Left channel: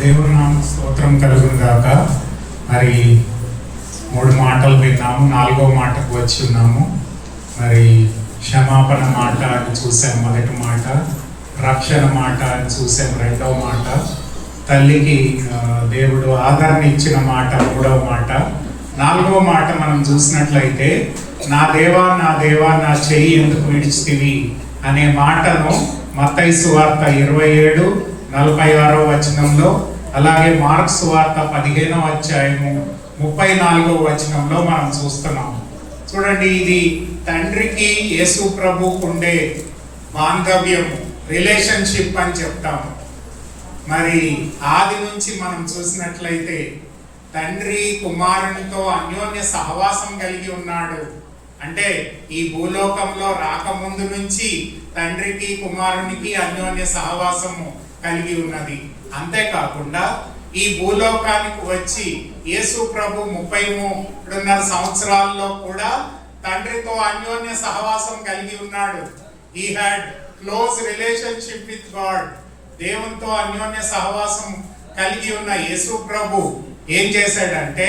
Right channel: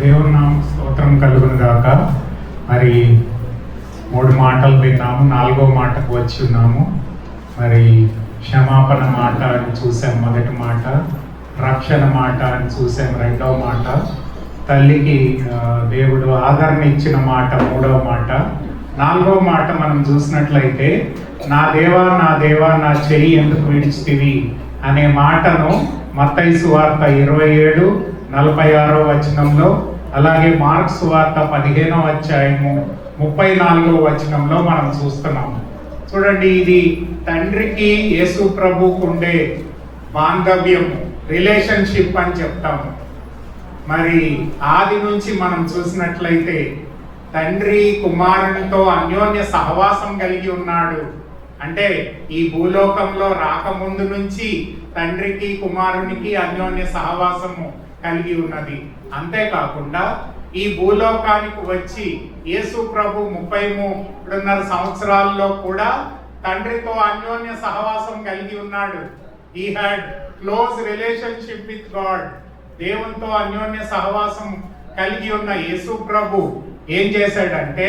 దేవుని నామ స్తోత్రం కలుగును గాక. మరి 3 మాటలు విన్నాము, 4వ మాటకు వచ్చి ఉన్నాము. మరి క్షమాపణ మాట అని చూసాం మొదటి మాట, రక్షణ మాట అని చూసాం రెండవ మాట, తల్లికి దేవుడు ఆదరణ ఇచ్చిన మాట మూడవ మాట, 4వ మాట మనం చూసినట్లయితే నా దేవా నా దేవా నా చెయ్యి ఎందుకు విడిచితివి అనే మాటను మత్తయి సువార్త 27:46 వచనంలో, అలాగే మార్క్స్ సువార్త 15వ అధ్యాయము 34వ వచనంలో మనం చూస్తున్నాము. చూడండి, ఇది తండ్రికి యేసు ప్రభువుకు ఉండే బాంధవ్యము, రిలేషన్షిప్ అని చెప్తాము. మరి ఆది నుంచి మనం చూసినట్లయితే తండ్రి కుమారునితో అన్యోన్య సహవాసం కలిగి ఉన్నాడు. అంటే ఈ భూలోకంలో రాకముందు నుంచి తండ్రికి కుమారునికి అన్యోన్య సహవాసము కలిగి ఉన్నది. అంతేకాకుండా ఈ భూలోకానికి వచ్చి యేసు ప్రభు 33.5 సంవత్సరాల్లో కూడా తండ్రితో అన్యోన్య సహవాసం కలిగి ఉన్నాడు. He had close relationship with God. దేవునితో అన్యోన్య సహవాసం కలిగి ఉన్న యేసు ప్రభు ఏం చేశాడంటే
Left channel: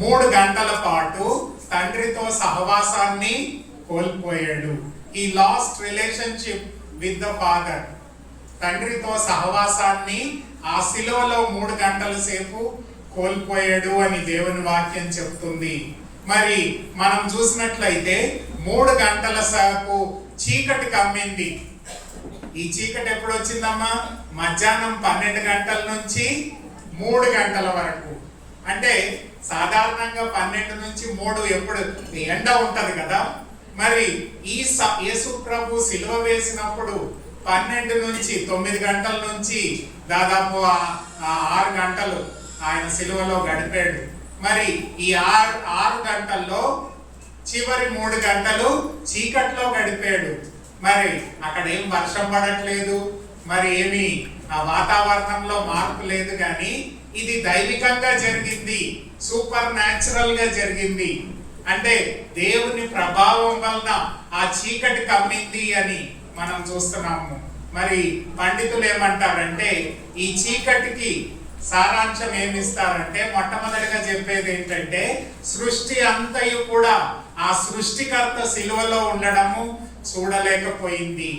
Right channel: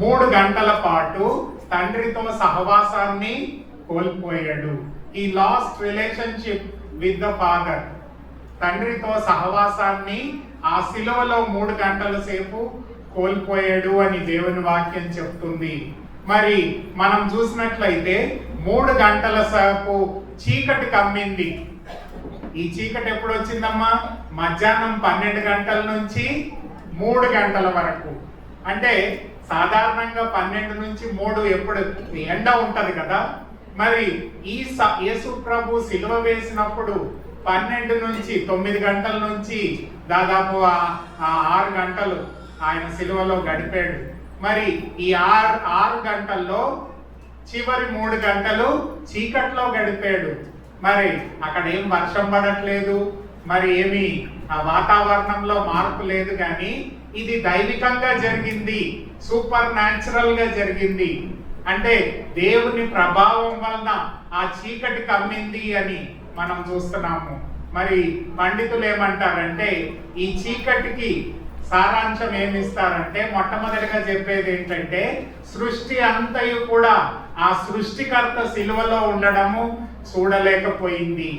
3 గంటల పాటు తండ్రితో సహవాసాన్ని కోల్పోయాడు. ఈ last relationship with the father. తండ్రితో సహవాసాన్ని ఆ శిలువలో 3 గంటల సేపు కోల్పోయాడు అని దేవుని వాక్యం చెప్తుంది. మరి మనం చూసినట్లయితే 3 గంటల సేపు చీకటి కమ్మింది. ఈ చీకటి ఎప్పుడు వచ్చిందమ్మా? మధ్యాహ్నం 12 గంటల నుంచి 3 గంటల వరకు. అంటే సాధారణంగా 12 నుంచి 3 ఎప్పుడు ఎండ ఉంటది కదా. మరి ఈ యేసు ప్రభు సిలువ వేసినప్పుడు 12 నుంచి 9 గంటల నుంచి దాదాపు 6 గంటలు ఆయన సిలువలో గడిపాడు. మరి ఈ 6 గంటల్లో చివరి 3 గంటలు చీకట్లో గడిపాడు. మరి అక్కడ ఏం వర్షం పడట్లేదు, మరి ఏమి వాతావరణంలో మార్పు లేదు, కానీ ఇది దైవికంగా జరిగింది, సూపర్ న్యాచురల్ గా జరిగింది. అంటే దేవుని ప్రభావం వలన ఆ చీకటి కమ్మింది అని మనం చూస్తున్నాము. మరి పండితులు ఏమంటారంటే ఈ చీకటికి సారాంశం ఏమిస్తారంటే, మొట్టమొదటిగా చెప్పేది ఏంటంటే సృష్టి అంతయు కూడా ఆ సృష్టికర్త సిలువలో ఉండడము చూడలేకపోయింది.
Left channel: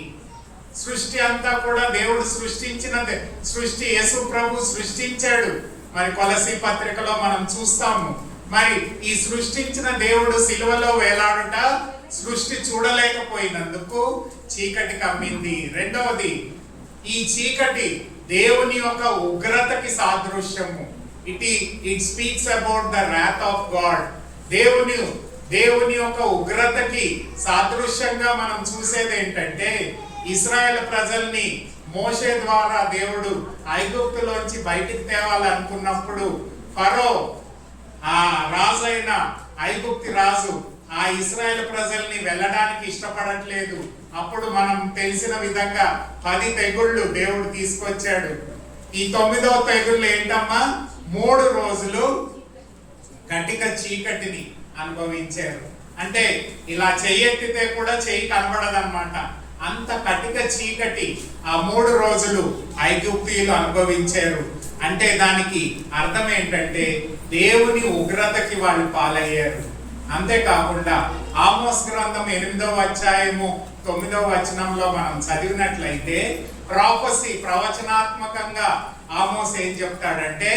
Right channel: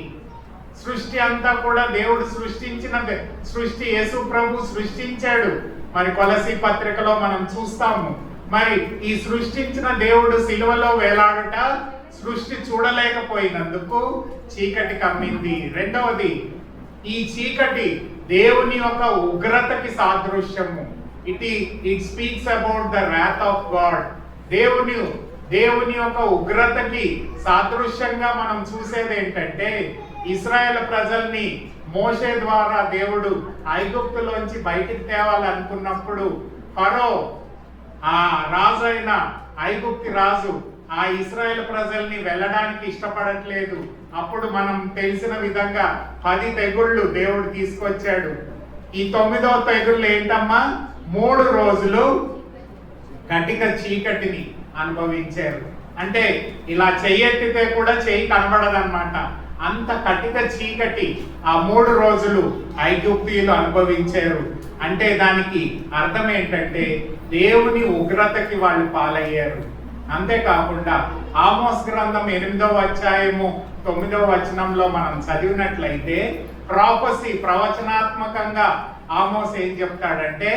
సృష్టి అంతా కూడా దేవుడు సృష్టించినదే. సృష్టి యేసు ప్రభు సృష్టించాడు. మరి కొలసీ పత్రికలో మనం చూస్తాము. మరి ఈ సృష్టించిన దేవుడు సిలువలో వేలాడుట సృష్టి చూడలేకపోయినందుకు చీకటి కమ్మింది. రెండవది, ఈ చీకటి దేవుని యొక్క ఉగ్రతకి సాదృశ్యము. It speaks about the wrath of God. దేవుని యొక్క ఉగ్రతకి సాదృశ్యంగా మనం చూసేది ఏంటంటే, ఇశ్రాయేల్ ప్రజల్ని మోషే ద్వారా దేవుడు ఐగుప్తులోంచి బయటికి తేవాలనుకున్నప్పుడు ఫరో ఆ రాజు అయిన ఐగుప్తి రాజు ఆ ఇశ్రాయేల్ ప్రజల్ని వెళ్ళడానికి ఇష్టపడట్లేదు. అప్పుడు మనం తెలిసిన విధంగా 10 తెగుళ్ళు దేవుడు తీసుకొచ్చాడు. ఈ 9వ తెగుళ్ళు ఏంటమ్మా? 3 రోజులు గట్టిగా చీకటిని అనుభవించారు. అంటే ఇలా చెయ్యెత్తితే కూడా చెయ్యి కనబడదన్నమాట. అంత కటిక చీకటి ఆ 3 రోజులు ఐగుప్తీయులు అనుభవించారు. అంటే దానికి అర్థం ఏంటంటే దేవుని ఉగ్రతకి వాళ్ళు పాలయ్యారు. అంతేకాకుండా ఆమోస్ గ్రంథం 8వ అధ్యాయము 9వ వచనంలో మనం చదివినట్లయితే ప్రాఫెసీ, ప్రవచనాత్మకంగా ఆమోస్ ఏం చెప్తాడంటే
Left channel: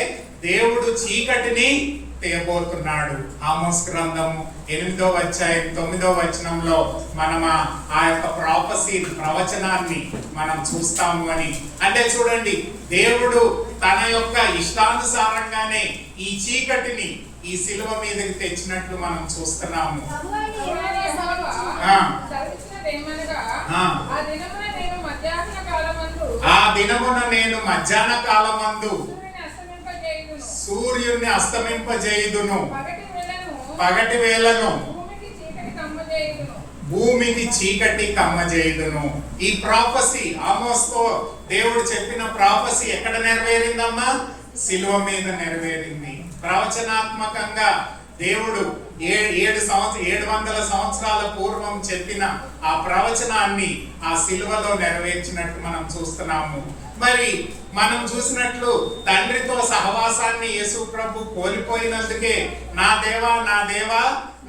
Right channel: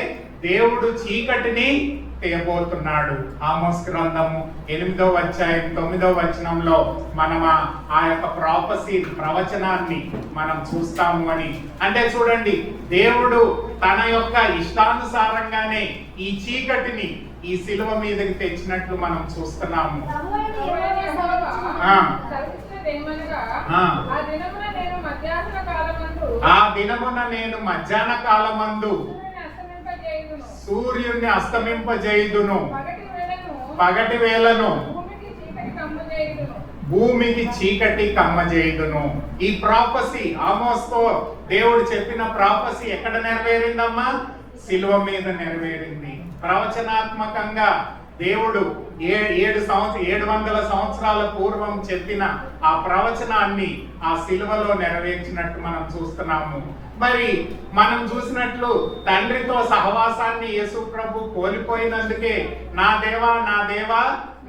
దేవుడు చీకటిని తేబోతున్నాడు. ఆమోస్ గ్రంథము 8వ అధ్యాయం 9వ వచనంలో మనం ఆ యొక్క ప్రాఫెసీ, ప్రవచనాన్ని మనం చూస్తాము అని. అంటే చూడండి, దేవుడు తన యొక్క ఇష్టానుసారంగానే ఈ చీకటిని ఈ శిలువ మీదకి తెచ్చినట్లు మనం చూస్తున్నాము. ఆ దినమున నేను మధ్యాహ్న కాలమందు సూర్యుని అస్తమింపజేయుదును, పగటి వేళను భూమికి చీకటి కమ్మజేయుదును. ఈ ప్రాఫెసీ, ఆమోస్తో దేవుడు చెప్పిన ప్రాఫెసీ ఎక్కడ నెరవేరిందమ్మా? శిలువ మీద నెరవేరింది. ప్రవచనాత్మకంగా దేవుడు 700 సంవత్సరాల పూర్వం చెప్పిన ఆ ప్రవచనాన్ని ఆ సిలువలో నెరవేర్చినట్టు మనం చూస్తున్నాము. మరి మనం చూసినట్లు తండ్రితో సహవాసాన్ని యేసు ప్రభు కోల్పోయినందుకే నా దేవా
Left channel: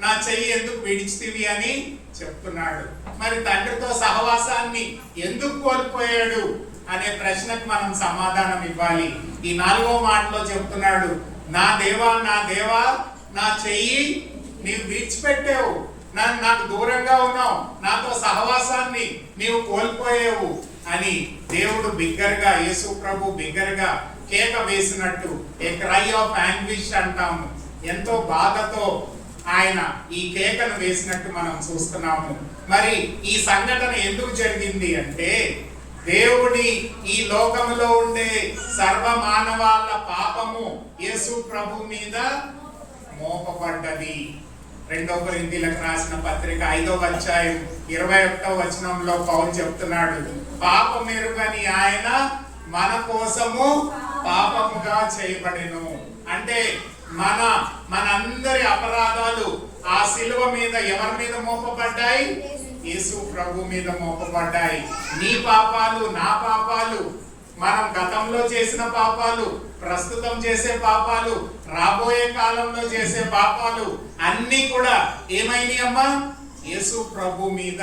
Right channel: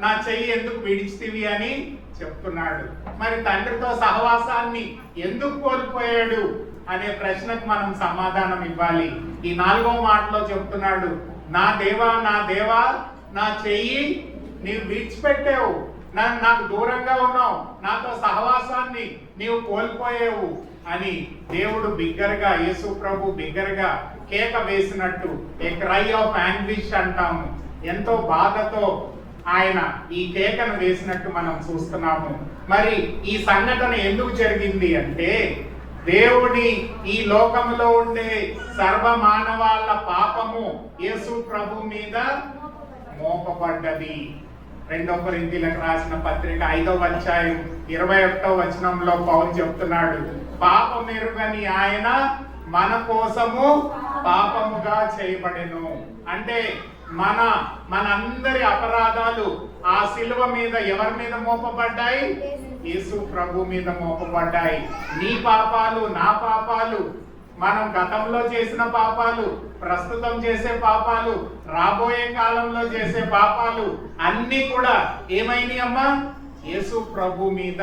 నా చెయ్యి ఎందుకు విడిచితివి అని చెప్తున్నాడు. మరి తండ్రితో సహవాసాన్ని ఎందుకు కోల్పోయాడు అనే ప్రశ్నకు మనం సమాధానం ఇవ్వాలి. ఈ 4వ మాటలో చెప్తున్నాడు, నా దేవా నా చెయ్యి నీవు విడిచిపెట్టావు, నాకు దూరంగా ఉన్నావు, నాతో సహవాసాన్ని నీవు కోల్పోయావు అని దేవుడు బిగ్గరగా, యేసు ప్రభు బిగ్గరగా కేక వేసినట్టు, ఏ క్రై ఆఫ్ యాంగ్విష్ అంటాము, ఎంతో బాధతో ఆయన ఈ కేకను వేసినట్టు మనం చూస్తున్నాము. మరి ఈ సంఘటన ఎందుకు జరిగింది అంటే, దేవుని ఈ లోకంలో ఉండే సర్వ మానవాళ్ళ పాపము యేసు ప్రభు మీద మోపబడ్డది. 2 కొరింథీయులకు రాసిన పత్రిక 5వ అధ్యాయం 21వ వచనంలో పౌలు చెప్తున్నాడు, పాపమెరుగని ఆయన మన కోసము పాపముగా చేయబడెను. అంటే మనందరి అపరాధాలు ఆ శిలువ మీద ఎవరి మీద మోపబడ్డాయి? యేసు ప్రభు మీద మోపబడ్డాయి. నీ పాపాలు, నా పాపాలు, మనం గతంలో చేసిన పాపాలు, ప్రస్తుతం చేసే పాపాలు, రాబోయే కాలంలో చేసే పాపాలు అన్ని కూడా ఏమైనాయి అమ్మా? యేసు ప్రభు మీద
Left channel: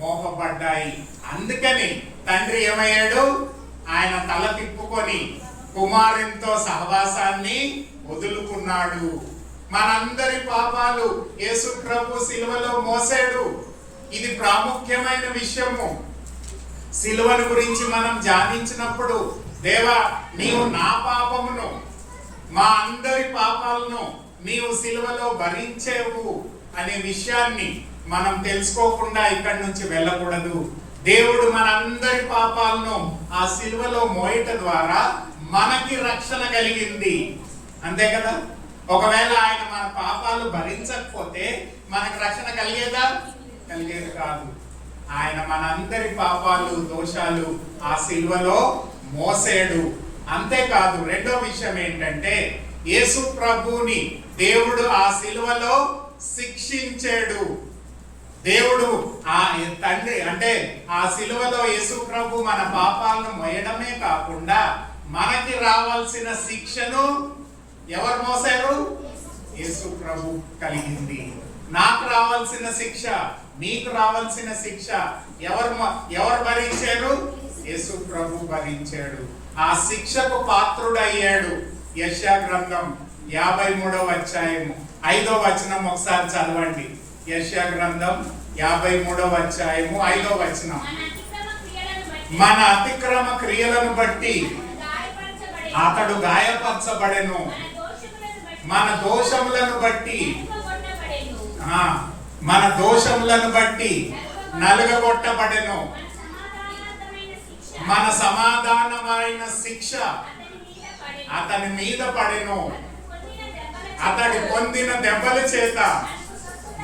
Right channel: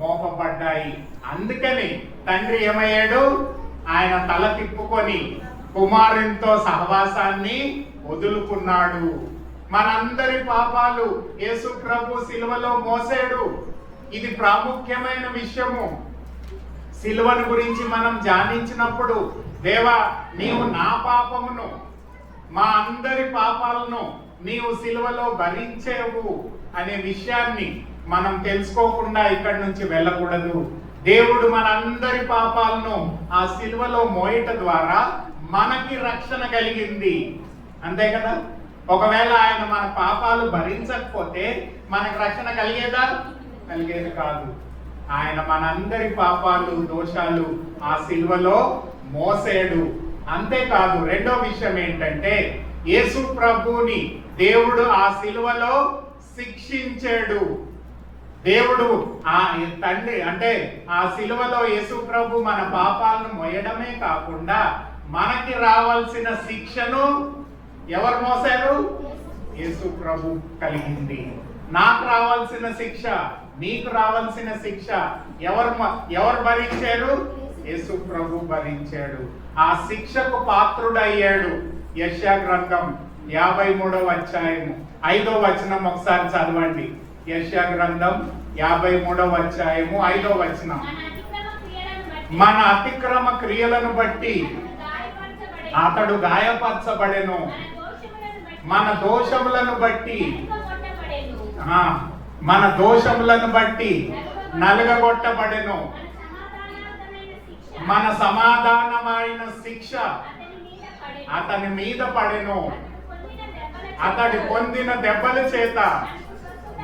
మోపబడ్డాయి. అందుకని తండ్రి ఏమయ్యాడు? ఆయన తల తిప్పుకొని కుమారునితో సహవాసాన్ని వదులుకున్నాడు. మనందరి పాపాలు యేసు ప్రభు సిలువలో మోసాడు. ఇది ప్రాముఖ్యమైన విషయము. సిలువను గురించి మనం ధ్యానించినప్పుడు, దేవా నీవు నా పాపమును, మా అందరి పాపాలను నీవు సిలువలో భరించేవు అనే విషయాన్ని మనం తెలుసుకోకుండా ఇక్కడి నుంచి వెళ్ళకూడదు. దేవుడు మనందరి పాపాలను ఆ సిలువలో మోయట ద్వారా మనకి రక్షణ కలిగింది. అంతే కదా? ఒకవేళ ఆయన మన పాపాలు భరించకపోతే మనకు రక్షణ కలిగేదా? కలిగేది కాదు. ఆయన మనందరి పాపాలు, దోషాలు ఆ సిలువలో మోసేడు. అంతేకాదు, రెండో విషయం ఏంటంటే, యేసు ప్రభుని దేవుడు ఆ సిలువలో శిక్షించాడు. దేవుడు ఆ తండ్రి అంటే ఆ సిలువలో యేసు ప్రభు మన పాపాలను మోయడమే కాకుండా మనకి రావాల్సిన శిక్షను ఎవరు మోసారు? యేసు ప్రభు కలిగింది. నాకు రావాల్సిన శిక్ష, నీకు రావాల్సిన శిక్ష ఎవరు భరించారు? యేసు ప్రభు భరించాడు. ఆ శిక్షకు పాత్రుడయ్యాడు. యెషయా గ్రంథం 53వ అధ్యాయము 5వ వచనం ఒకసారి చదవండి. యెషయా గ్రంథం 53వ అధ్యాయము 5వ వచనం. మన అతిక్రమ క్రియలను బట్టి అతడు గాయపరచబడెను, మన దోషములను బట్టి నలుగగొట్టబడెను, మన సమాధానమైన శిక్ష అతని మీద పడెను, అతడి పొందిన దెబ్బల చేత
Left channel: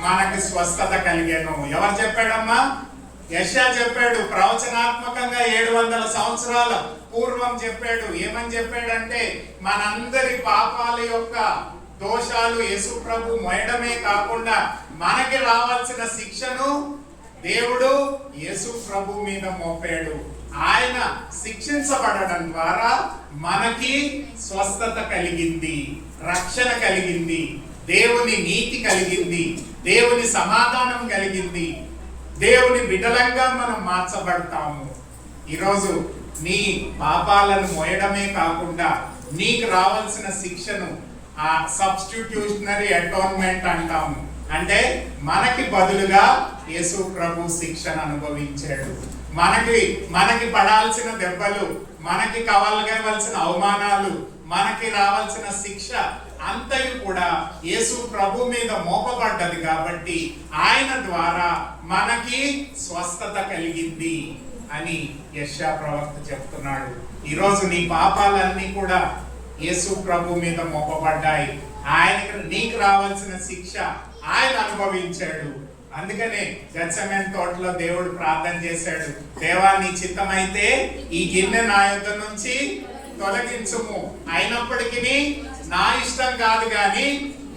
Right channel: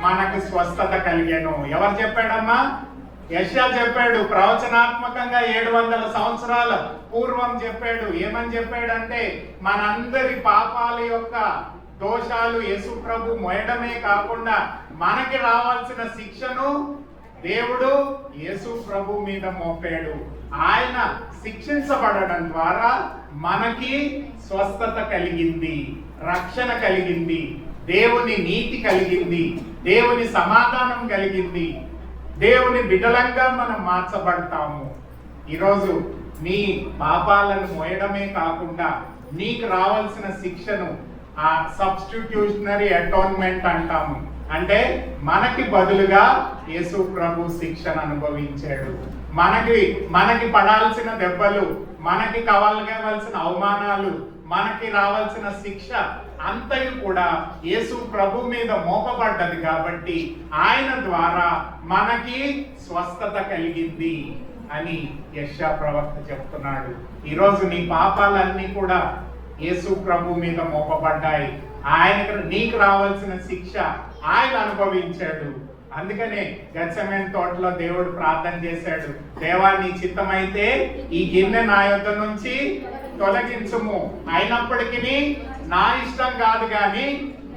మనకి స్వస్థత కలిగెను. ఎవరు చెప్పాడమ్మా? యెషయా చెప్పాడు. ప్రవచనాత్మకంగా 700 సంవత్సరాల పూర్వం చెప్పాడు. ఏమని చెప్పాడంటే, మనందరి పాపాల యొక్క దోషాలు యేసు ప్రభు మోయడమే కాకుండా మనకి రావాల్సిన శిక్షను దేవుడు యేసు ప్రభు మీద మోపాడు. ఆయన శిక్షించబడడం ద్వారా మనకి స్వస్థత కలిగింది, రక్షణ కలిగింది, దేవుని నీతి కలిగింది, దేవుని సమాధానం కలిగింది, దేవుని బిడ్డలంగా మనం మార్చబడతాము. ఈరోజు నీ పాపాలను మోయడమే కాకుండా నీకు రావాల్సిన శిక్షను ఆ సబ్స్టిట్యూషనరీ అటోన్మెంట్ అంటాము. అంటే మనకి బదులుగా యేసు ప్రభు శిక్షను అనుభవించాడు. మనకి పడాల్సిన దెబ్బలు, మనకి కావాల్సిన అవమానాలు, మనకి రావాల్సిన శిక్ష అంతయు కూడా యేసు ప్రభు మీద మోపబడ్డది. కాబట్టి ఆయన ద్వారా మనకి స్వస్థత కలిగింది అని యెషయా ప్రవక్త చెప్తున్నాడు. ఈరోజు నీ పాపాలన్నీ కూడా యేసు ప్రభు మీద మోపబడ్డాయి. నీకు రావాల్సిన శిక్ష ఆయన అనుభవించాడు. అందుకనే గెత్సెమనే తోటలో దేవుడు ప్రార్థన చేశాడు, దేవా నీ చిత్తమైతే ఈ గిన్నె నా యొద్ద నుంచి తొలగించుము, అయినప్పటికీ నా ఇష్టం కాదు గాని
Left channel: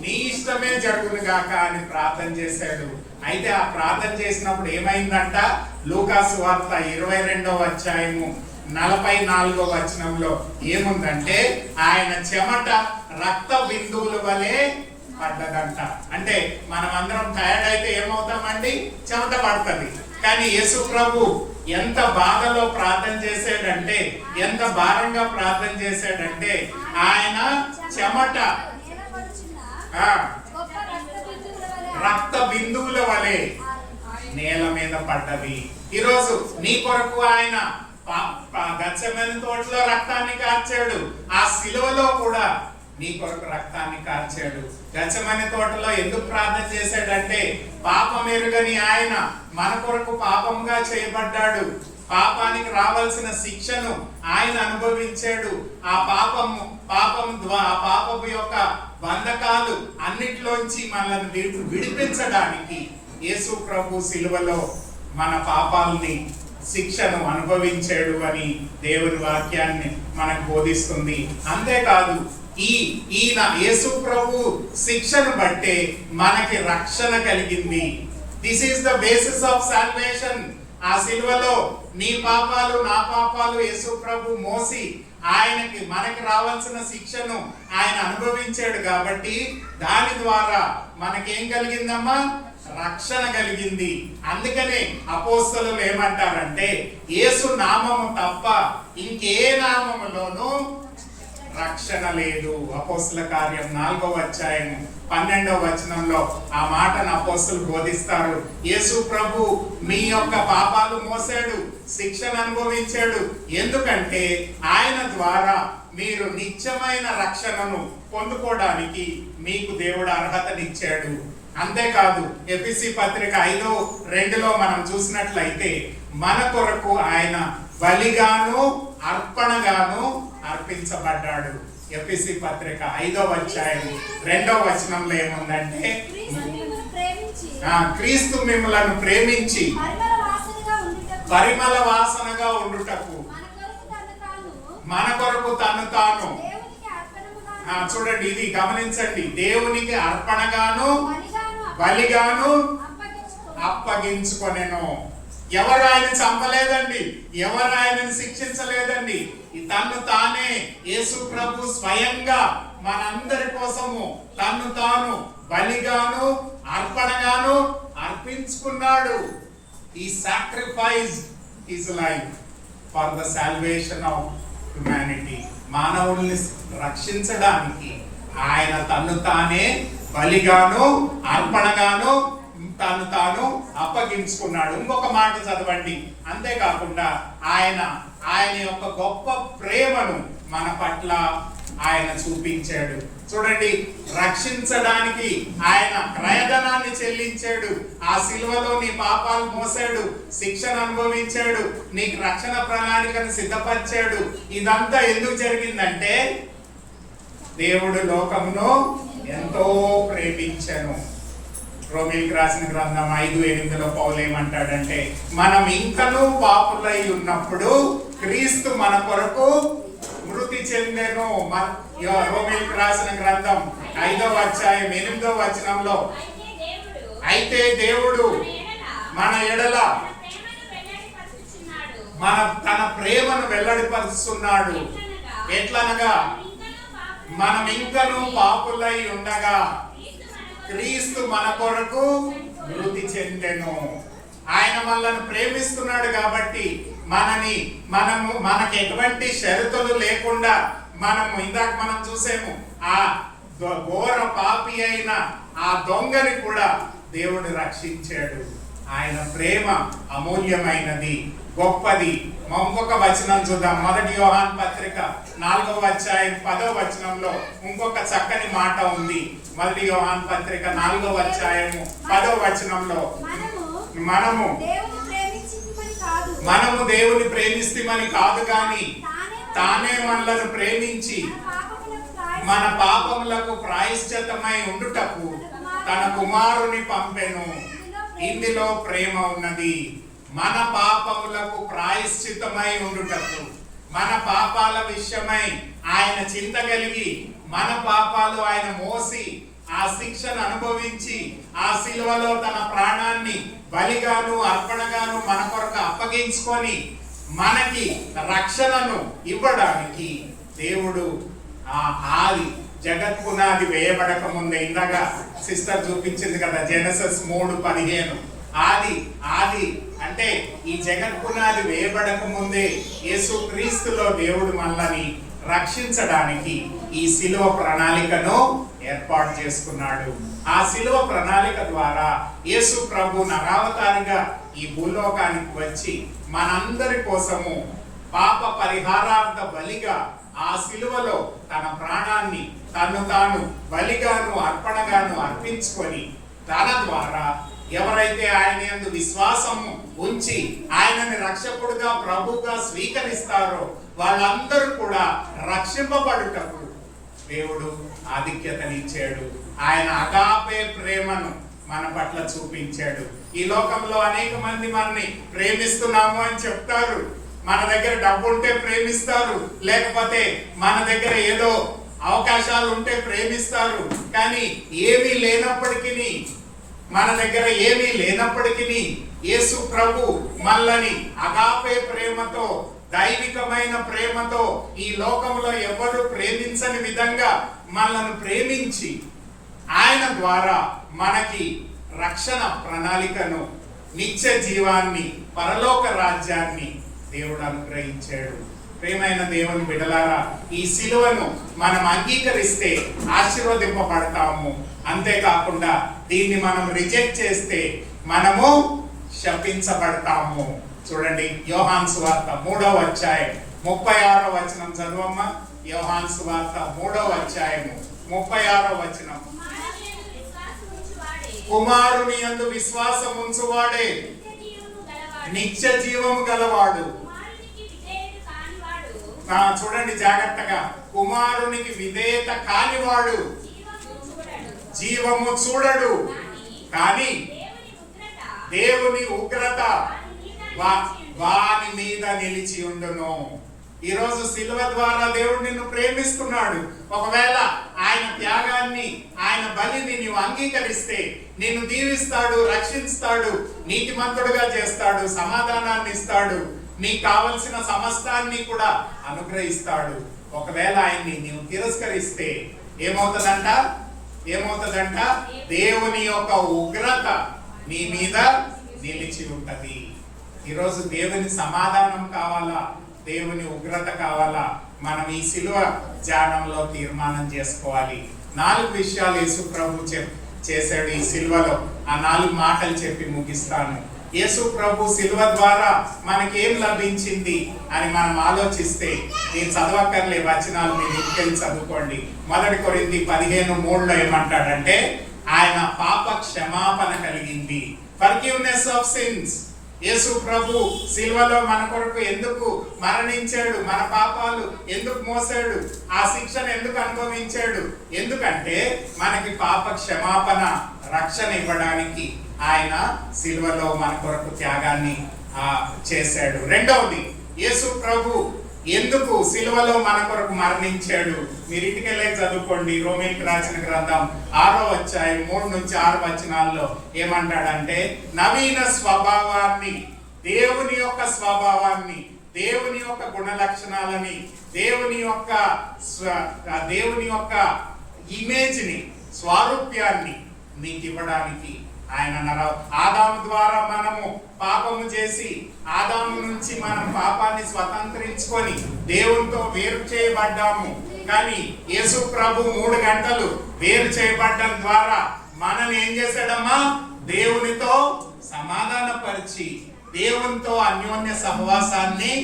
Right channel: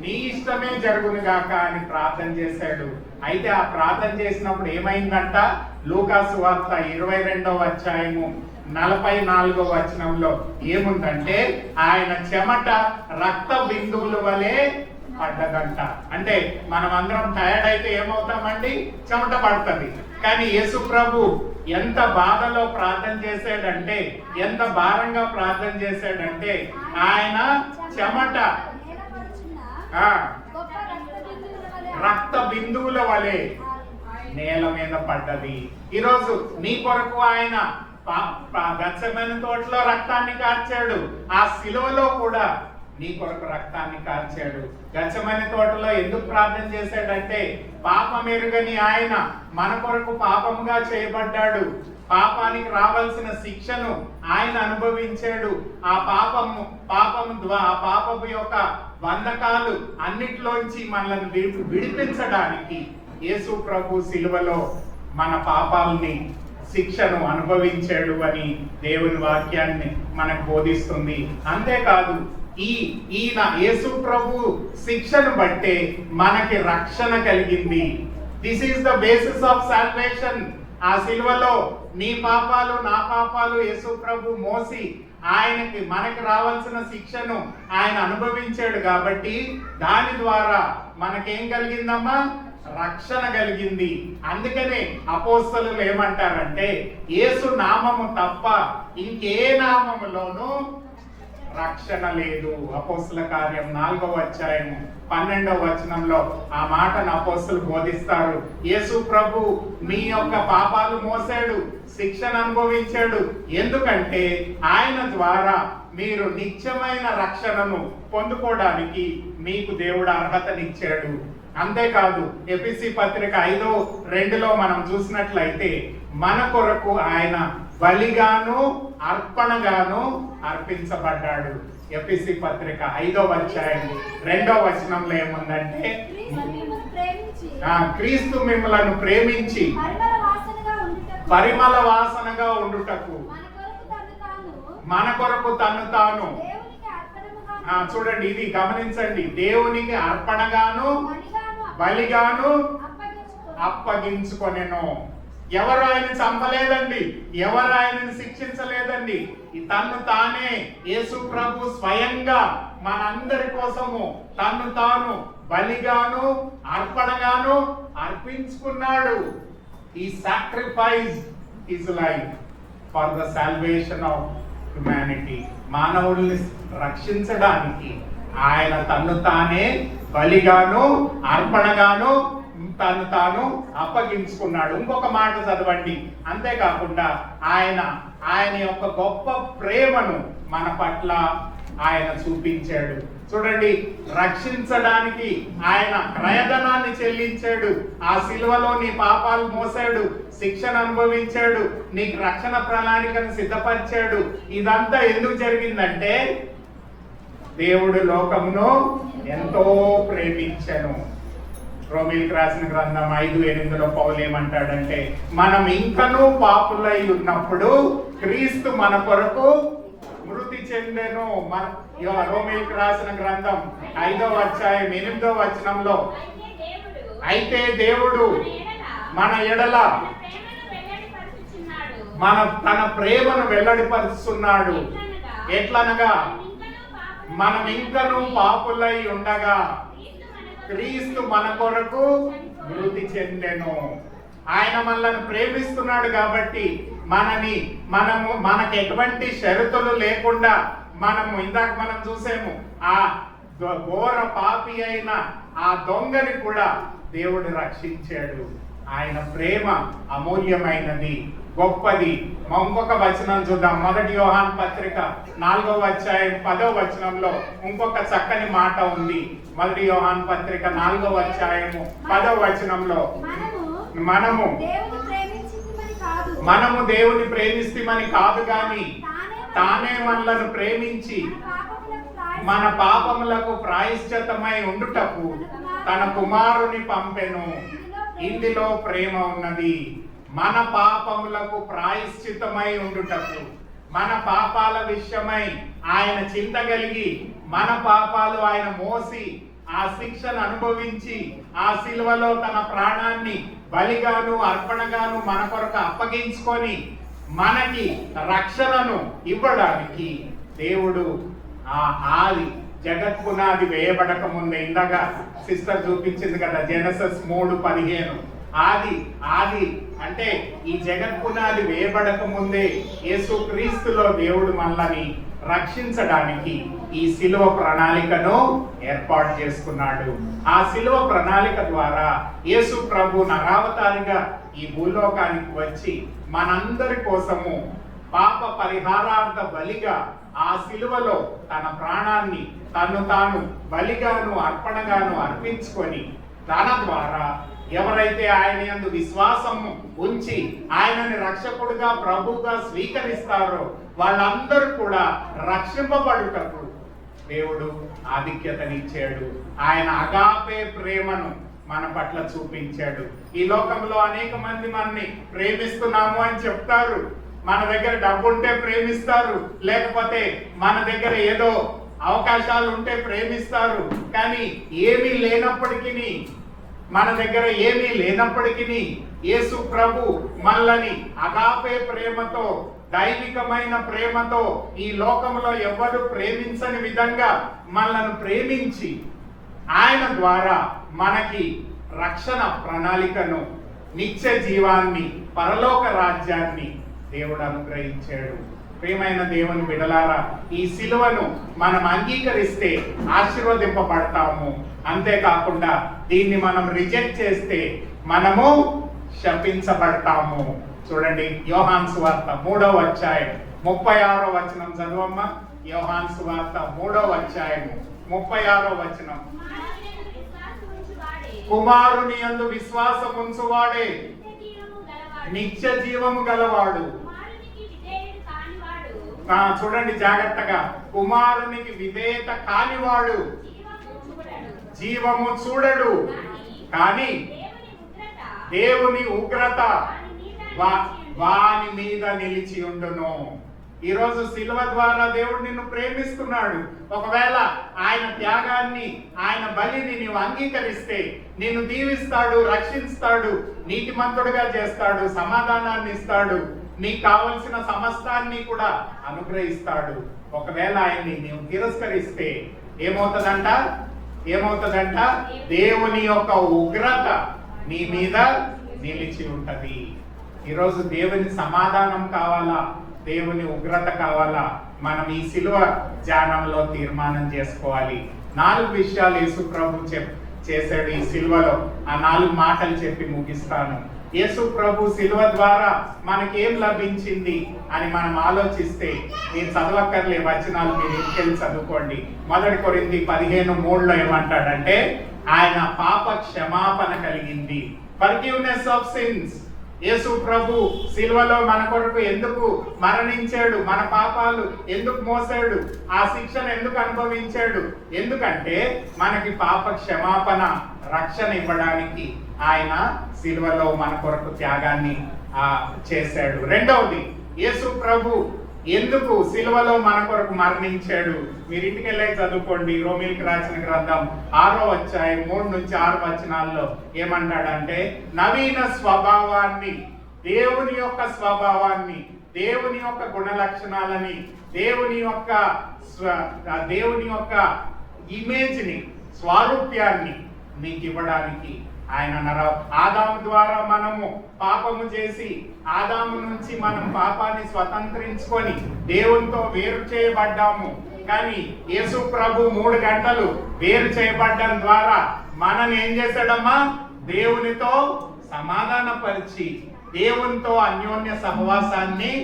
నీ ఇష్టమే జరుగును గాక అని ప్రార్థన చేశాడు. అయితే ఆ ప్రార్థన చేసినప్పుడు ఏమైందంట? లూకా సువార్త 22వ అధ్యాయము 44వ వచనంలో ఏముందంటే ఆయన చెమట రక్త బిందువుల వలె పడ్డదంట. అంటే మనం అందరం టైర్డ్ అయితే ఏమవుతామండి? చెమట పడుతుంది. కానీ యేసు ప్రభు ఎంత బాధలో ప్రార్థన చేశాడంటే, ఎంత భారంగా ప్రార్థన చేశాడంటే ఆయన చెమట రక్త బిందువుల వలె నేల మీద పడ్డది. ఈరోజు నీ కొరకు ఆయన గెత్సేమనే తోటలో రక్తాన్ని కార్చాడు. ఆ సిలువలో కూడా నీ కొరకు రక్తాన్ని కార్చాడు. గెత్సేమనే తోటలో ఎందుకు ప్రార్థన చేశాడంటే, పాపం ఎరుగని ఆయన మన కొరకు పాపంగా చేయబడ్డాడు. పాపానికి రావాల్సిన శిక్షను ఆయన అనుభవించాడు. ఆ పాపము యొక్క బంధకాలు అన్నిట్లోంచి మనల్ని విడిపించడానికి యేసు ప్రభు సిలువలో మన పాపాలని శిక్షను అనుభవించాడు అని దేవుని వాక్యాన్ని మనకు బోధిస్తుంది. అంతేకాదు ఈయన యేసు ప్రభు శిక్షను బట్టే మనకి రక్షణ కలిగింది. This is the basis of salvation. ఆ సిలువలో నీ పాపాలు నా పాపాలు యేసు ప్రభు మోసి మనకి రావాల్సిన శిక్షను ఆయన అనుభవించాడు కాబట్టి దాని ద్వారా మనకేం కలిగిందమ్మా? రక్షణ కలిగింది. అందుకనే అపోస్తలులు ఏమంటారంటే, యేసు నామము తప్ప ఇంకే నామములోనూ రక్షణ లేదు. అపోస్తల కార్యం 4వ అధ్యాయం 12వ వచనంలో ఆ మాటను అపోస్తలు బోధిస్తారు. యేసు ప్రభు మీ యొక్క పాపాలు మోసాడు, శిక్షను అనుభవించాడు. ఎందుకంటే ఆయన ద్వారా మీరు నిత్యమైన రక్షణను పొందుకోవడానికి మీకు దేవుడు అర్హతనిచ్చాడు. అంతేకాదు ఎఫెసీ పత్రిక 5:2 మనం చూసినట్లయితే మన కొరకు ఆయన బలిగాను అర్పణగాను అర్పించబడ్డాడు. ఎఫెసీ పత్రిక 5వ అధ్యాయం 2వ వచనంలో ఏముందంటే, క్రీస్తు మిమ్మలను ప్రేమించి పరిమళ వాసనగా ఉండుటకు మన కొరకు తను తాను చూడండి, ఇది గమనించండి, దేవునికి అర్పణగాను బలిగాను అప్పగించుకొనెను. ఎవరు ఆయన చంపలేదండి, ఎవరు ఆయనను శిక్షించలేదండి. తన్ను తానే యేసు ప్రభు స్వయంగా మనందరి కోసము తన్ను తాను బలిగాను అర్పణగాను అర్పించుకున్నాడు. He sacrificed his life for the salvation of humanity. మానవుల్ని రక్షించడానికి ఆయన తన్ను తానే బలిగాను అర్పణగాను తను తాను అప్పగించుకున్నాడు. ఇంకొక మాట చదవండి. అంతేకాకుండా ఆయన యొక్క గొప్ప ప్రేమను మన పట్ల ఆయన చూపించాడు. చూడండి, రక్షించడానికి ఆయన క్రయధనాన్ని చెల్లించాడు. ఆ సిలువలో నీ పాపాలు మోసాడు, శిక్షను అనుభవించాడు, నీకు రక్షణ ప్రణాళికను సిద్ధపరిచాడు. ఇదంతా ఎందుకు జరిగిందంటే, దేవుడు లోకమును ఎంతో ప్రేమించెను. రోమీయులకు రాసిన గ్రంథం 5:8 పౌలు ఏమంటాడంటే, మనం ఇంకనూ పాపులై ఉన్నప్పుడు క్రీస్తు మన కొరకు మృతి చెందెను. రోమీయులకు రాసిన గ్రంథం 5వ అధ్యాయం 8వ వచనంలో, అయితే దేవుడు మన ఎడల తన ప్రేమను వెల్లడిపరుస్తున్నాడు. ఎట్లనగా మనం ఇంకనూ పాపులై ఉండగా క్రీస్తు మన కొరకు మృతి చెందెను. ఆయన మనల్ని ప్రేమిస్తున్నాడు కాబట్టి మనకు ఎటువంటి షరతులు లేకుండా ఇందాక మనం చూసాము, ఆ ఘోర పాపి అయిన ఆ దొంగని కూడా దేవుడు రక్షించాడు. ఆయన ప్రేమ అమూల్యమైనది, గొప్పది. ఇంకొక వచనం చూద్దాం. 1 యోహాను పత్రిక 4వ అధ్యాయం 10వ వచనంలో ఇంకొక చక్కని మాట ఉంది. 1 యోహాను పత్రిక 4వ అధ్యాయము 10వ వచనంలో, మనము దేవుని ప్రేమిస్తామని కాదు గాని తానే మనలను ప్రేమించి మన పాపములకు ప్రాయశ్చిత్తమై ఉండుటకు తన కుమారుని పంపెను. ఇందులో ప్రేమ ఉన్నది. మన పాపములకు ప్రాయశ్చిత్తమై ఉండుటకు, మన పాపాల విషయమై ఆయన చింత కలిగి మన పాపాలు ఆయన మోసి ఆ శిక్షను అనుభవించి ఆ సిలువలో తన ప్రాణాన్ని బలిగాను అర్పణగాను మన కొరకు అప్పగించుకొని మనకి రక్షణను ఇవ్వడానికి దేవుడు ఆది జగత్ పునాది వేయబడక ముందే, ఇందాక సిస్టర్ చూపించింది కదా జెనసిస్ 3:15, ఆది అంటే ఈ జగత్ పునాది వేయబడక ముందే యేసు క్రీస్తులో దేవుడు మనల్ని రక్షించడానికి ఈ శిలువ ప్రణాళికను ఏర్పాటు చేసుకున్నాడు. ఆ శిలువ ప్రణాళిక ద్వారా యేసు ప్రభు నరావతారిగా ఈ భూలోకానికి వచ్చి మనందరి కోసము పాప పరిహారార్థ బలిగా ఆ శిలువలో తన ప్రాణాన్ని తాను బలిగాను అర్పణగాను అర్పించుకొని తన ద్వారా ఎవరైతే ఆయన యందు విశ్వాసము ఉంచి ఆయనని రక్షకుడుగా ప్రభువుగా స్వీకరిస్తారో వాళ్ళందరూ కూడా రక్షింపబడుటకు దేవుడు ఆధిక్యతనిచ్చాడు. ఆయన అగాపే ప్రేమను మన పట్ల చూపించాడు. ఈ లోకంలో అనేక మంది మనని ప్రేమిస్తున్నాము అని చెప్తారు. మన దగ్గర డబ్బు ఉంటే ప్రేమిస్తారు, లేకపోతే మన దగ్గర ఏదో అవకాశాలు ఉంటే ప్రేమిస్తారు. కానీ ఏమీ లేనప్పటికీ, మన దగ్గర ఏమీ లేనప్పటికీ యేసు ప్రభు మనల్ని అగాపే ప్రేమతో, దైవికమైన ప్రేమతో, ఈ లోకంలో ఎవరు ప్రేమించని విధంగా మనల్ని ప్రేమించి ఆయన ద్వారా మనకి రక్షణ ప్రణాళికను, నిత్య జీవాన్ని, పరలోక రాజ్యాన్ని దేవుడు అనుగ్రహించాడు. ప్రియమైన దేవుని బిడ్డలారా, ఈ సిలువను మనం అంగీకరిస్తే ఆశీర్వదింపబడతాము. అంతేకాకుండా దీన్ని మనం రిజెక్ట్ చేస్తే మనము శపించబడతాము. చూడండి, యోహాను సువార్త 3వ అధ్యాయం 36వ వచనం చదువమ్మా. యోహాను సువార్త 3వ అధ్యాయము 36వ వచనం. కుమారుని యందు విశ్వాసం ఉంచువాడే నిత్య జీవము గలవాడు. చూడండి జాగ్రత్తగా, కుమారునికి విధేయత కానివాడు జీవము చూడడు, కానీ దేవుని ఉగ్రత వాని మీద నిలిచి ఉండును. ఈరోజు శిలువ ద్వారా దేవుడు నిన్ను ప్రేమిస్తున్నాడు. ఒకవేళ ఆయన త్యాగాన్ని, ఆయన బలిని నీవు అంగీకరిస్తే నిన్ను దీవిస్తాడు, రక్షిస్తాడు, నీతిమంతుడుగా చేస్తాడు, సమాధానాన్ని ఇస్తాడు, నీకు కావలసిన సమస్తాన్ని కూడా అనుగ్రహిస్తాడు. ఒకవేళ ఆయన్ని నీవు తిరస్కరిస్తే ఏమవుతుందంట? దేవుని యొక్క ఉగ్రత నీ మీద నిలిచి ఉంటది. ఈరోజు దేవుని సమాధానం కావాలా, దేవుని ఉగ్రత కావాలా? మనం ఈ శిలువ ధ్యానంలో తీర్మానం చేసుకోవాలి. 4 విషయాలు యేసు ప్రభు చేశాడు ఈ శిలువలో. ఆ 4 మాటలు చెప్పి ముగిస్తాను. యేసు ప్రభు శిలువ ద్వారా మనకి ఏం లభించింది అని మనం ఆలోచిస్తే, నేను చదవక్కర్లే, వచనాలు మీరు ఇంటికెళ్ళి చదువుకోండి. 1 కొరింథీ 15:3లో ఏమంటాడంటే, ఆయన పాప క్షమాపణ కలిగింది. Forgiveness of sins. యేసు ప్రభు శిలువలో మన కొరకు ఎందుకు మరణించాడు? మన పాపాలు ఎందుకు మోసాడు? ఆ శిక్షను ఎందుకు అనుభవించాడు? ఎందుకంటే మనకి పాప క్షమాపణ, రక్షణ ఇవ్వడానికి ఆయన శిలువలో మన కొరకు త్యాగాన్ని చేశాడు. రెండవది, యేసు ప్రభు ఎందుకు శిలువలో మన కొరకు మరణించాడు? మీరు ఇంటికెళ్ళి చదువుకోండి. రోమీయులకు రాసిన గ్రంథం 6వ అధ్యాయం 3 నుంచి 6 వచనాల్లో ఏమంటాడంటే, నవీన స్వభావాన్ని, దేవుని యొక్క స్వభావాన్ని, దేవుని యొక్క గుణ లక్షణాలని, దేవుని యొక్క ఇమేజ్ ని, స్వారూప్యాన్ని నీకు ఇవ్వడానికి ఆయన ఆదాము ద్వారా మనము పాపము చేసి, ఆదాము నుంచి మనం పాపాన్ని స్వతంత్రించుకొని దేవునితో వేరు చేయబడ్డాము. కానీ యేసు ప్రభు 3 గంటలు వేరు చేయబడ్డం ద్వారా మనల్ని ఏం చేశాడమ్మా? దేవునితో సమాధానపరిచి దేవునితో అన్యోన్య సహవాసాన్ని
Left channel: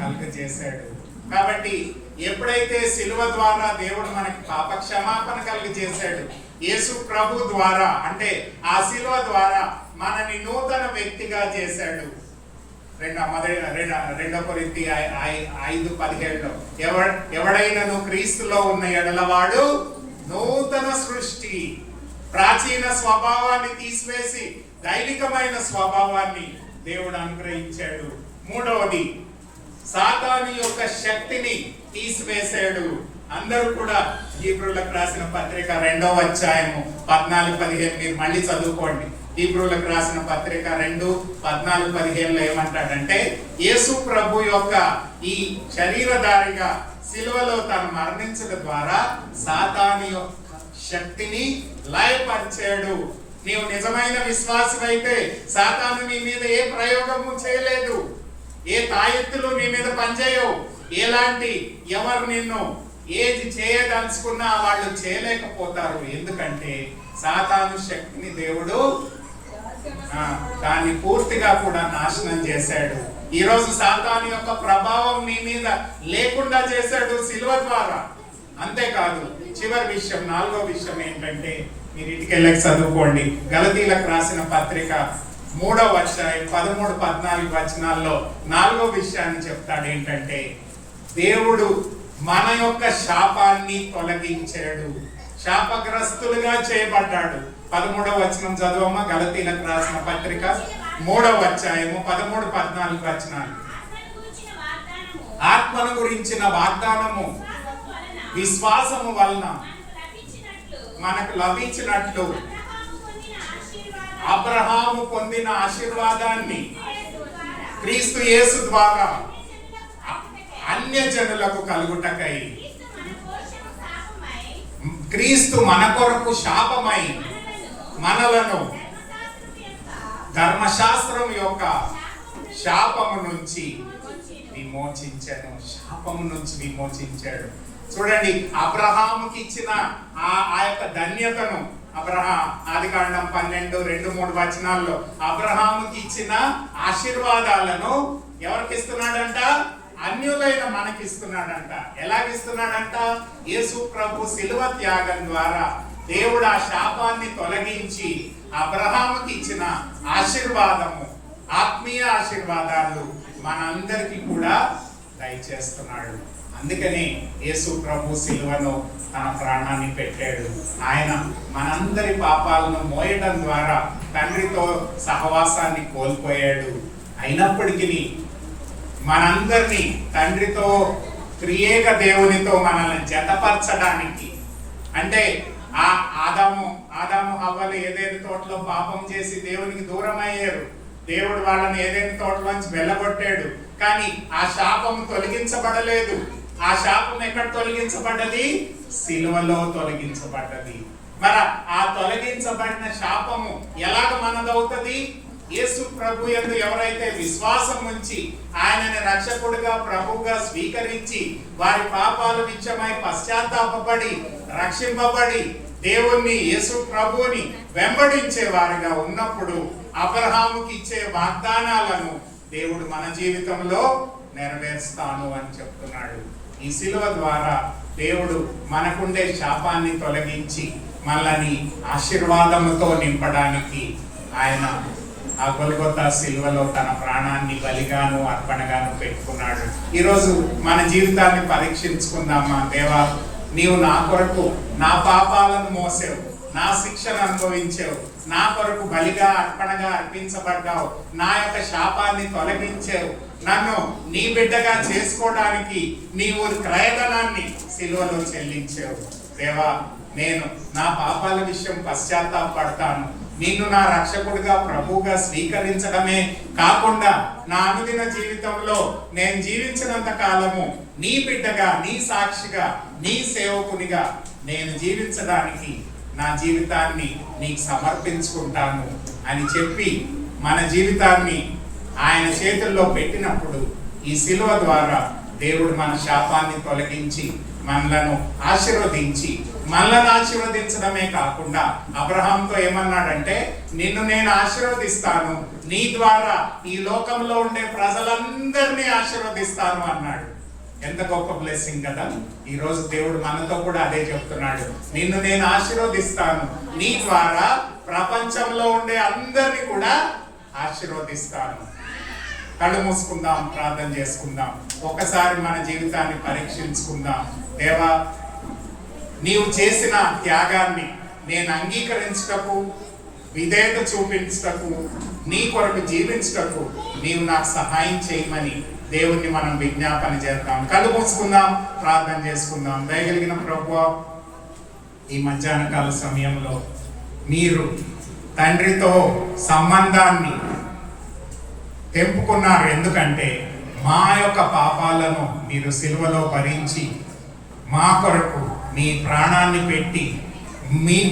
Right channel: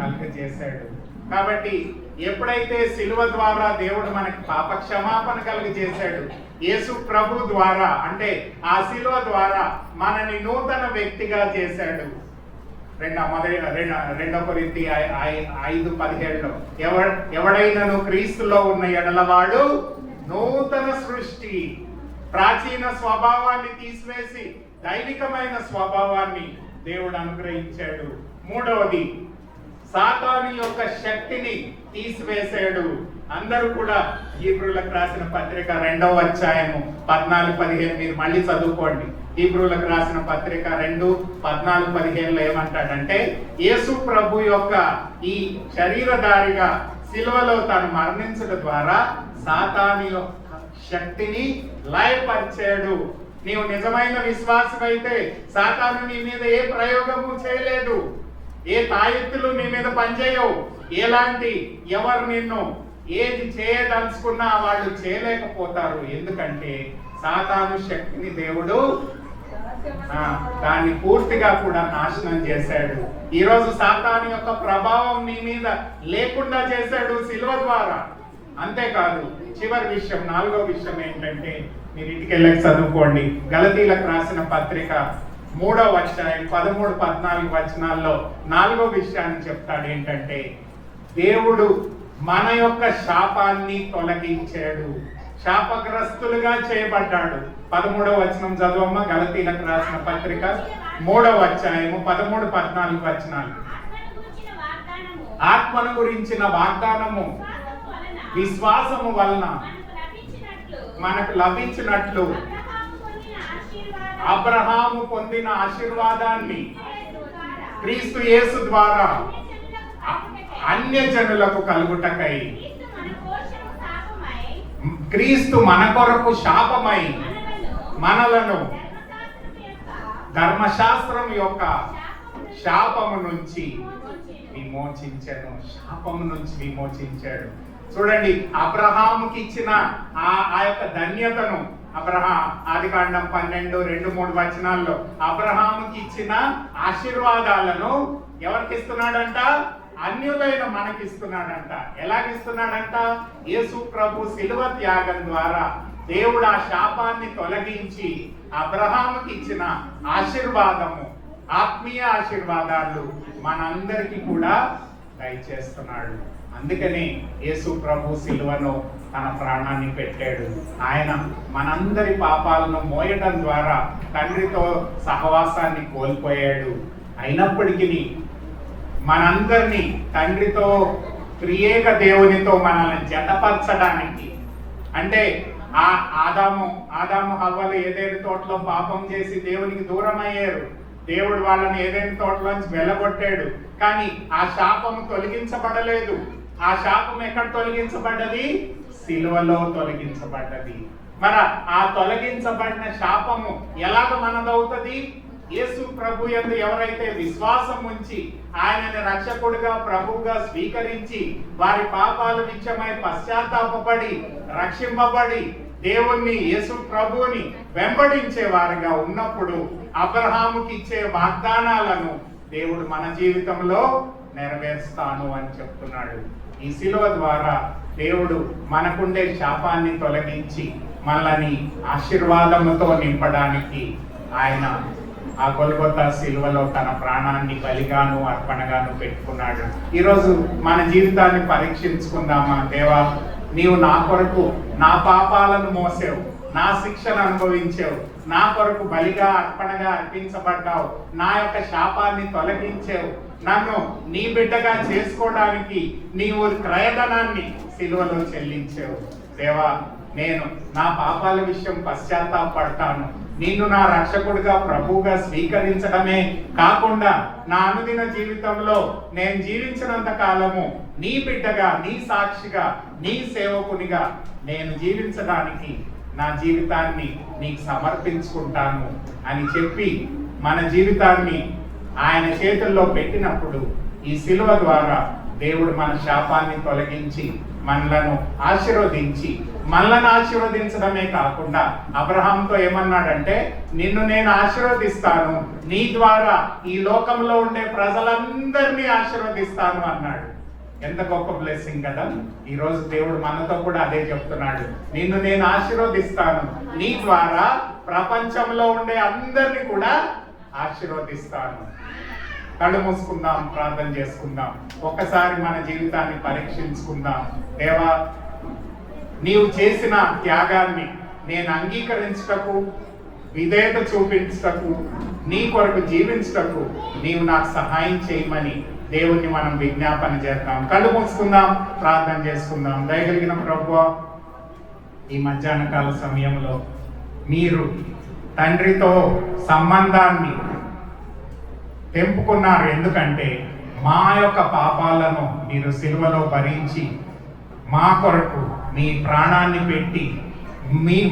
కలుగజేశాడు. కాబట్టి ఎప్పుడైతే శిలువ ద్వారా దేవుడు మనకి పాప క్షమాపణ కలుగజేశాడు, యేసు ప్రభు ద్వారా, అంటే ఆ శిలువ ద్వారా మనని నూతన వ్యక్తిగా చేశాడు. 2 కొరింథీ 5:17లో ఎవడైనను క్రీస్తులో ఉన్న ఎడలవాడు నూతన సృష్టి. ప్రాచీన స్వభావాన్ని తీసివేసి దైవికమైన స్వభావాన్ని దేవుడు అనుగ్రహించాడు. మూడవది, సాతాను యొక్క శక్తిని తీసివేశాడు. అందరూ కూడా హీబ్రూలకు రాసిన పత్రిక 2వ అధ్యాయము 14-15 మీరు మళ్ళీ చదువుకోండి. హీబ్రూలకు రాసిన పత్రిక 2:14-15 ఏమంటాడంటే, యేసు ప్రభు యొక్క ఈ శరీరధారిగా సిలువలో తాను మరణించడం ద్వారా సాతాను యొక్క శక్తిని లయపరిచాడు. నీవు నిజమైన విశ్వాసమైతే సాతాను నీ మీద ఏ ప్రయోగము చేయలేదు, ఏ తాయెత్తులు నీ మీద పనిచేయవు. ఎలాంటి ఎవరు నిన్ను ఏది చేయదలుచుకున్నా వాళ్ళు చేయలేకపోతారు. ఎందుకంటే సాతాను శక్తిని దేవుడు దాన్ని పూర్తిగా కూడా నాశనం చేశాడు. ఈ రోజు సాతాను యొక్క ప్రభావం నీ మీద లేకుండా చేశాడు సిలువ ద్వారా. అంతేకాదు, చివరి విషయం, 4వ విషయం ఏంటంటే, మీరు ఇంటికెళ్ళి చదువుకోండి. గలతీలకు రాసిన పత్రిక 3వ అధ్యాయం 13-14 వచనాల్లో 4వ విషయాన్ని చెప్తాడు. ఏంటంటే, దేవుడు మన యొక్క శాపాన్ని తొలగించాడు. శాపగ్రస్తులుగా చేయబడ్డాడు. 13వ వచనం చదవమ్మా. గలతీలకు రాసిన పత్రిక 3వ అధ్యాయము 13-14 వచనాలు. ఆత్మను గురించిన వాగ్దానము విశ్వాసము వలన మనకు లభించినట్లు అబ్రహాము పొందిన ఆశీర్వాదాన్ని క్రీస్తు యేసు ద్వారా అన్యజనులకు కలుగుటకై క్రీస్తు మన కొరకు శాపమై మనలను ధర్మశాస్త్రం యొక్క శాపము నుంచి విమోచించాడు. శాపము నుంచి విమోచించాడు. చూడండి, అబ్రహాముకి ఇచ్చిన ఆ యొక్క ధన్యతను ఆదికాండం 12:2-3 వచనాల్లో అబ్రహాముకి ఇచ్చిన ఆశీర్వాదాలను ఎవరికి ఇస్తున్నాడంట? అన్యులైన మనకి ఇస్తున్నాడంట. ఎలాగిస్తున్నాడంట? యేసు ప్రభు శిలువ త్యాగం ద్వారా దేవుడు ఆ శాపాన్ని తొలగించి అబ్రహాముకి ఇచ్చిన ఆశీర్వాదము, ఆత్మీయ ఆశీర్వాదాలు మనందరికీ కూడా దయచేస్తున్నాడు. అందుకని యేసు ప్రభు సిలువను తన ప్రాణాన్ని పెట్టాడు. ఆయన మనందరి పాపాలను మోయడం ద్వారా తండ్రితో సహవాసాన్ని కోల్పోయాడు. అయినప్పటికీ మనందరినీ తండ్రితో త్రియేక దేవునితో మనల్ని జతపరచడానికి, అంటే ఆదాము హవ్వలు ఏదేని తోటలో పాపం చేసి దేవునికి దూరం అయ్యారు. దేవుడు వాళ్ళని ఏదేని తోటలోంచి వెళ్ళగొట్టాడు. కానీ ఆ శాపం తొలగించబడలేదు. ఆ శాపం ఎక్కడ తొలగించబడ్డది? సిలువలో తొలగించబడ్డది. మరి ఆ తొలగించబడిన శాపము ఎలాగ మనదవుతుంది? యేసు ప్రభు యందు ఎవరైతే విశ్వాసం ఉంచి ఆయనని రక్షకుడిగా ప్రభువుగా స్వీకరించి వారి పాపాలు విషయమై పశ్చాత్తాపపడి రక్షింపబడి దేవుణ్ణి, యేసు ప్రభువుని వెంబడించే వారిగా ఉన్నప్పుడు అబ్రహాముకి ఇచ్చే వాగ్దానాలను దేవుడు మన జీవితంలో నెరవేరుస్తాను అని చెప్తున్నాడు. ఈ శిలువ ద్వారా దేవుడు మనకుండే శాపాన్ని తొలగించి మనల్ని ఆశీర్వాదముతో నింపడానికి ఆయన ఆ గొల్గొతా శిలువలో తన ప్రాణాన్ని బలిగాను అర్పణగాను పెట్టుకున్నాడు. ఈరోజు మన జీవితాన్ని పరీక్షించుకుందామా? దేవా, నీవు నా కొరకు నా పాపాలను మోసావు, నా శిక్షను అనుభవించావు, నా కొరకు బలిగా అర్పణగా అర్పించబడ్డావు, నా యొక్క శాపాన్ని తొలగించావు, నన్ను నీ బిడ్డగా చేసుకోవడానికి నీవు క్రయధనాన్ని సిలువలో చెల్లించావు. దేవా, నేను నా పాపాల విషయం పశ్చాత్తాపడతాను. నిన్ను నా రక్షకుడిగా ప్రభువుగా స్వీకరించడమే కాకుండా నా అనుదిన జీవితంలో నేను జీవించినంత కాలము నీ బిడ్డగా, నీ సాక్షిగా, నీ సేవకునిగా నేను జీవించడానికి నా జీవితాన్ని నీకు సమర్పించుకుంటాను అని చెప్పి మన జీవితాన్ని ఆయన చేతుల్లో పెట్టినప్పుడు ఈ శిలువ ద్వారా దేవుడు మన శాపాన్ని తొలగించి మనలను ఆశీర్వదించి, మనలను ఆశీర్వదించడమే కాకుండా అబ్రహాంతో ఏమన్నాడంటే, నిన్ను నేను ఆశీర్వదిస్తాను, నీ ద్వారా ఈ లోకంలో ఉండే ప్రజలందరినీ ఆశీర్వదిస్తాను అన్నాడు. ఎంత గొప్ప బ్లెస్సింగ్ కదా! ఈ రోజు దేవుడు మనతో కూడా అదే చెప్తున్నాడు. నిన్ను నేను ఆశీర్వదిస్తాను, నీ ద్వారా ప్రపంచంలో ఉండే అందరినీ కూడా ఆశీర్వదిస్తాను. కళ్ళు మూసుకుందాం, ప్రార్థన చేసుకుందాం. ఒక్కసారి మన జీవితాన్ని పరీక్షించుకుందాం. దేవా, నీవు చేసిన త్యాగాన్ని నేను అంగీకరించుటకు, విధేయత చూపించుటకు, నీ కొరకు జీవించుటకు నీవు నాకు సహాయం చేయమని దేవుణ్ణి మనం విజ్ఞాపన చేద్దాం. కళ్ళు మూసుకుందాం, ప్రార్థన చేసుకుందాం. దయగలిగిన ప్రభువా, ఈ మధ్యాహ్న కాల సమయంలో మీరు తండ్రితో సంబంధాన్ని తెంపుకున్నారు. ఎందుకంటే మా యొక్క పాపాలను మీరు సిలువలో భరించి మా కొరకు మీ ప్రాణాన్ని పెట్టి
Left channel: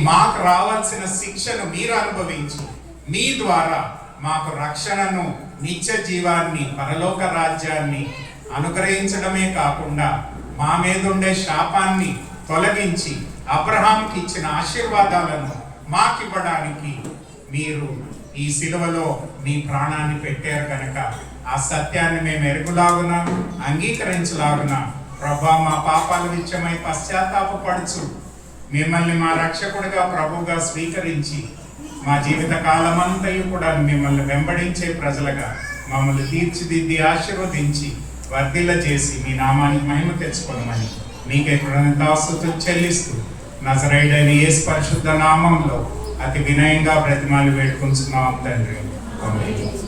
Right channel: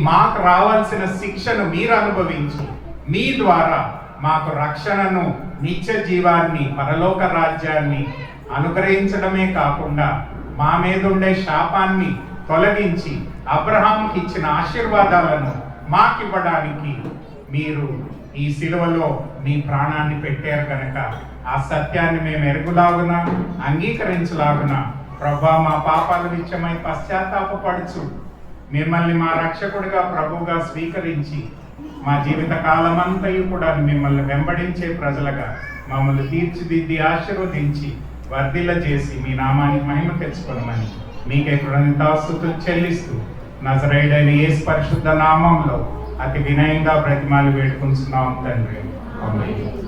మాకు రావాల్సిన శిక్షను మీరు అనుభవించి మీ ద్వారా మాకు రక్షణను, నిత్య జీవాన్ని, పరలోక రాజ్యాన్ని అనుగ్రహించడమే కాకుండా మా మీద ఉండే శాపాన్ని తొలగించి అబ్రహాంకి ఇచ్చిన ఆశీర్వాదాలను మాకివ్వడానికి మీరు ఈ సిలువలో మీ ప్రాణాన్ని పెట్టారు కనుక ఆ సత్యాన్ని మేము ఎరుగులాగున, అంగీకరించలాగున ప్రభా మా పాపాల విషయమై పశ్చాత్తాపపడుచు మిమ్మల్ని మా రక్షకుడిగా, ప్రభువుగా స్వీకరించి మా జీవిత కాలమంతయు కూడా మిమ్మల్ని వెంబడించే ప్రజలుగా మమ్మల్ని తీర్చిదిద్ది ఆశీర్వదించి వర్ధిల్ల చేసి మీ నామానికి మహిమ తెచ్చుకోమని మీకే కృతజ్ఞతాస్తుతులు చెల్లిస్తూ నజరేయుడైన యేసు పరిశుద్ధ నామంలో అతి వినయంగా బ్రతిమాలి వేడుకుంటున్నాం తండ్రి. ఆమేన్.